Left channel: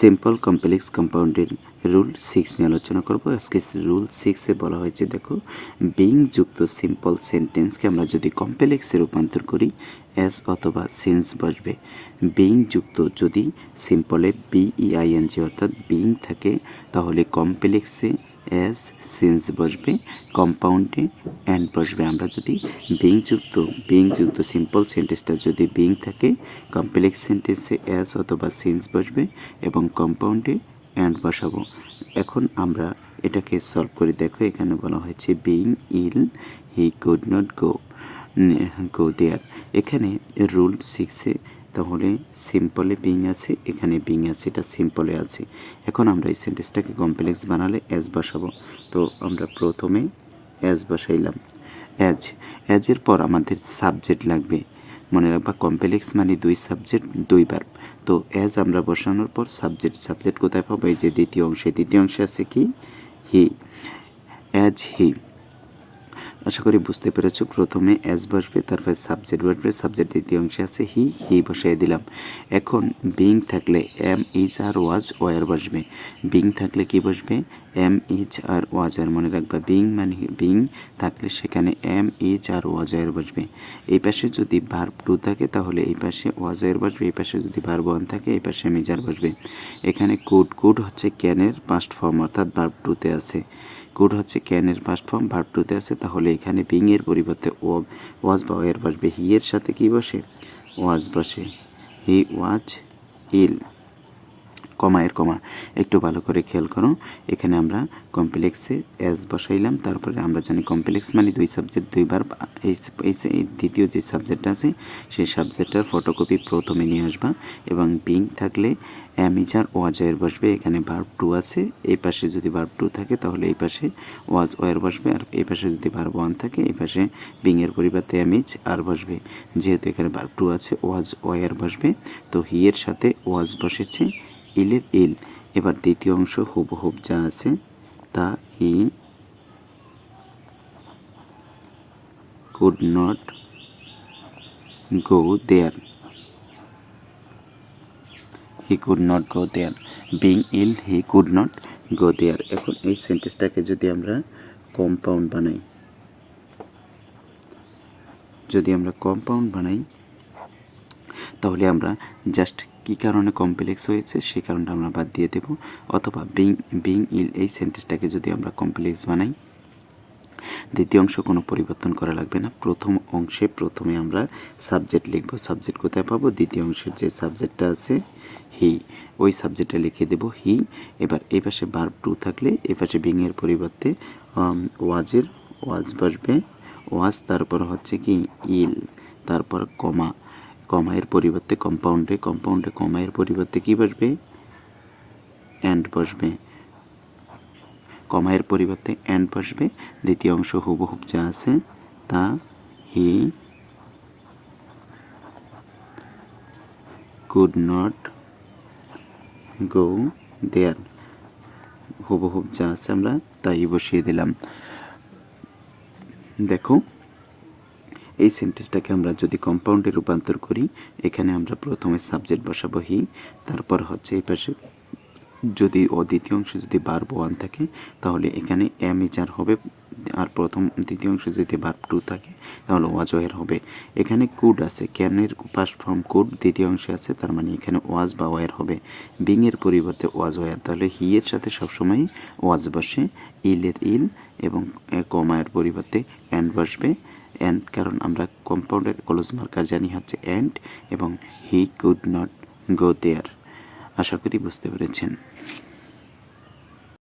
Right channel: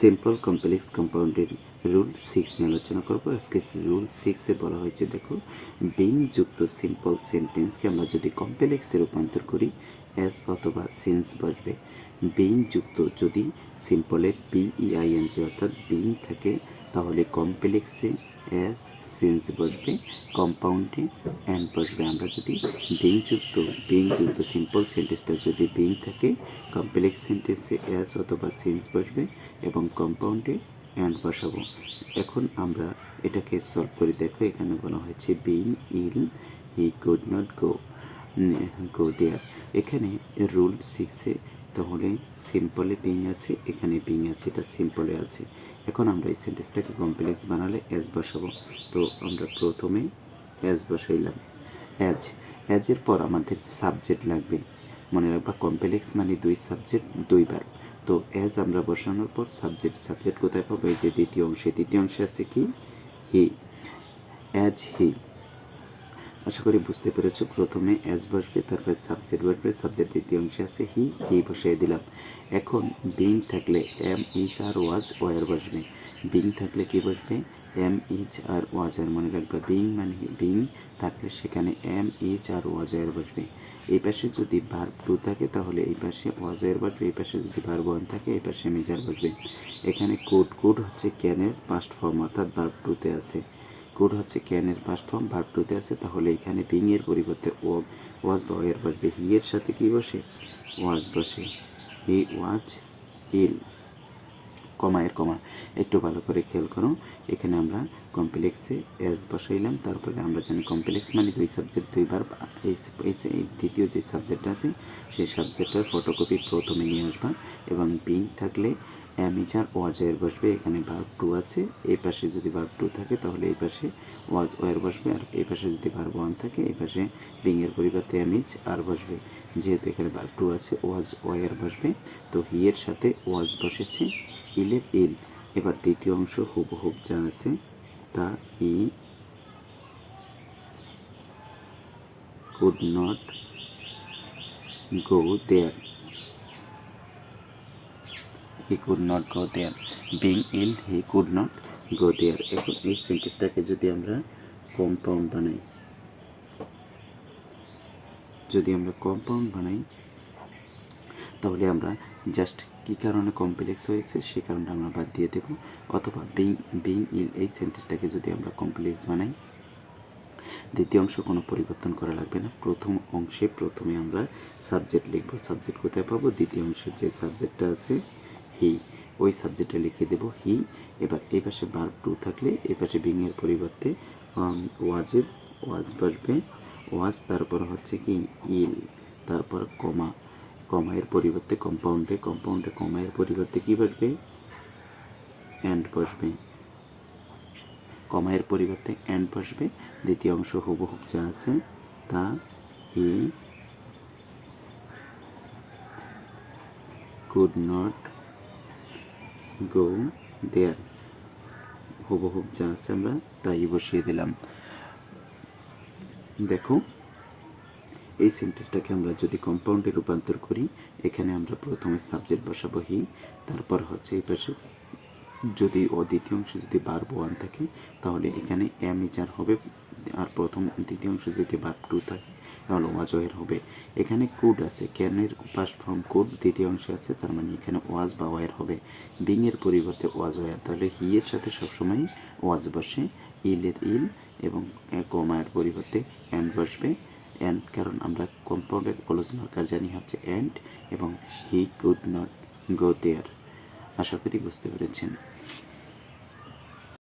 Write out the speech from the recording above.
Simple complex কম্পাউন্ডের rule 6 নিয়ে আলোচনা করব। আজকে রুল 6-এ বলা হয়েছে, দেখো, বিং যুক্ত সিম্পল সেন্টেন্সকে আমরা যদি কমপ্লেক্সে রূপান্তর করি অ্যাজ অথবা সিন্স বসবে। বিং যুক্ত যদি সিম্পলে বিইআইএনজি অর্থাৎ বিং থাকে তাহলে কমপ্লেক্সে অ্যাজ সিন্স বসবে, কম্পাউন্ডে অ্যান্ড বসবে। আমরা যদি বিং যুক্ত সিম্পল সেন্টেন্সটা যদি বিং থাকে কমপ্লেক্স সেন্টেন্সে অ্যাজ অথবা সিন্স বসবে এবং কম্পাউন্ডে অ্যান্ড বসাবো। এখন আমরা এটাকে সলভ করে দেখো। এখানে বলা হয়েছে being ill he could not go there. এখানে রুল 6-এ তাহলে সিম্পলে বিং আছে, এখানে বিং আছে, এটা সিম্পলে আছে। এখন আমরা এই সেন্টেন্সটাকে কমপ্লেক্স বানালে অ্যাজ বসাবো। তো আমরা প্রথমে অ্যাজ বসাইলাম। অ্যাজের পর আমাদের সাবজেক্ট লাগবে। মনে রাখবা কমপ্লেক্স মানে দুই সাবজেক্ট দুই ভার্ব। তো অ্যাজ আমরা বসানোর পর সাবজেক্ট কোথায় পাবো? এই যে দ্বিতীয় অংশে আছে কি? হি। As he. আশা করি বুঝতে পেরেছো। প্রথমে অ্যাজ বসবে, তারপরে সাবজেক্ট বসবে, সাবজেক্ট দ্বিতীয় অংশে আছে হি বসিয়ে দিলাম। এখন বিং থাকলে am is are was were বসবে। বিং থাকলে কি বসবে? এম ইজ আর ওয়াজ আর। মনে রাখবা বিং মানে বিং থাকলে সেখানে am is are was were বসবে। এই পাশে যদি ভার্ব টু থাকে তাহলে এই পাশে ওয়াজ ওয়ার বসবে, এই পাশে যদি ভার্ব ওয়ান থাকে এই পাশে এম ইজ আর বসবে। এখানে কুড হচ্ছে ক্যানের পাস্ট ফর্ম অর্থাৎ ভার্ব টুতে আছে। কুড হচ্ছে ক্যানের পাস্ট ফর্ম, ভার্ব টুতে আছে। তাহলে এখানে বিং এর পরিবর্তে ওয়াজ বা ওয়ার বসবে। হি এর সাথে কি বসে? ওয়াজ বসে। হি ওয়াজ ইল। কমা একটু ভালো করে খেয়াল করো। এখানে আমরা কমপ্লেক্সে অ্যাজ বসাইলাম, তারপরে আমরা জানি কমপ্লেক্স মানে দুই সাবজেক্ট দুই ভার্ব। এই দ্বিতীয় যে সাবজেক্ট আছে সেই সাবজেক্টটার ফটোকপি প্রথমে নিয়ে আসবা এবং বিং থাকলে am is are was were বসবে। এখানে ভার্ব টু আছে, এই পাশে যদি ভার্ব টু থাকে তাহলে এই পাশে ওয়াজ ওয়ার বসবে, আর এই পাশে যদি ভার্ব ওয়ান থাকে এই পাশে বিং এর পরিবর্তে এম ইজ আর বসবে। যেহেতু এখানে ভার্ব টু আছে ওয়াজ ওয়ার বসবে, তো হি এর সাথে ওয়াজ বসেছে, ইলের ইল। এবার দ্বিতীয় অংশ হুবহুব যা আছে তা he could not go there. He could not go there. Being ill he could not go there. এখন এই সেন্টেন্সটাকে যদি আমরা কম্পাউন্ড বানাই তাহলে আমরা জাস্ট কী কারণে কমপ্লেক্স হয়েছে সেই কারণটা আমরা বাদ দিয়ে দেব। অথবা বিং ইল এই সেন্টেন্সটাকে যদি আমরা কমপ্লেক্স বানাই, দ্বিতীয় অংশ কোনো পরিবর্তন করা লাগবে না। প্রথম অংশে প্রথমে আমরা সাবজেক্ট লিখব। সাবজেক্ট কোথায় পাবো? দ্বিতীয় অংশের যে সাবজেক্টটা আছে হি, ওই সাবজেক্টটা লিখে দেব হি। এবার এই পাশে ভার্ব টু থাকলে এই পাশে বিং এর পরিবর্তে ওয়াজ বসবে। ওয়াজ তারপর হচ্ছে কি ইল, তারপর কমায়ের পরিবর্তে কম্পাউন্ডে কমায়ের পরিবর্তে কি বসবে? অ্যান্ড বসবে। কমায়ের পরিবর্তে অ্যান্ড বসবে। দ্বিতীয় অংশ হুবহুব যা আছে তা হি কুড নট গো দেয়ার। হুবহুব যা আছে আমরা তাই বসিয়ে দিলাম। দেখো এই সেন্টেন্সটাকে আমরা যদি কম্পাউন্ডে রূপান্তর করি, এখানে আমরা প্রথমে সাবজেক্ট বসাবো হি, তারপর হচ্ছে এই পাশে যদি দ্বিতীয় অংশে যদি ভার্ব ওয়ান থাকে তাহলে এখানে এম ইজ আর হবে, আর দ্বিতীয় অংশে যদি ভার্ব টু থাকে তাহলে ওয়াজ ওয়ার হবে। এখানে কুড আছে, ক্যানের পাস্ট ফর্ম কুড দ্বিতীয় অংশে আছে, তার মানে এখানে ওয়াজ বা ওয়ার হবে। বিং এর পরিবর্তে ওয়াজ ওয়ার, তাহলে হি এর সাথে সবসময় ওয়াজ বসে, ইলের ইল এবং কমায়ের পরিবর্তে অ্যান্ড বসবে। অ্যান্ড কারণ আমরা কম্পাউন্ডের ক্লোজ মার্কার জানি হচ্ছে অ্যান্ড, এবং হি কুড নট গো দেয়ার। আশা করি বুঝতে পেরেছেন।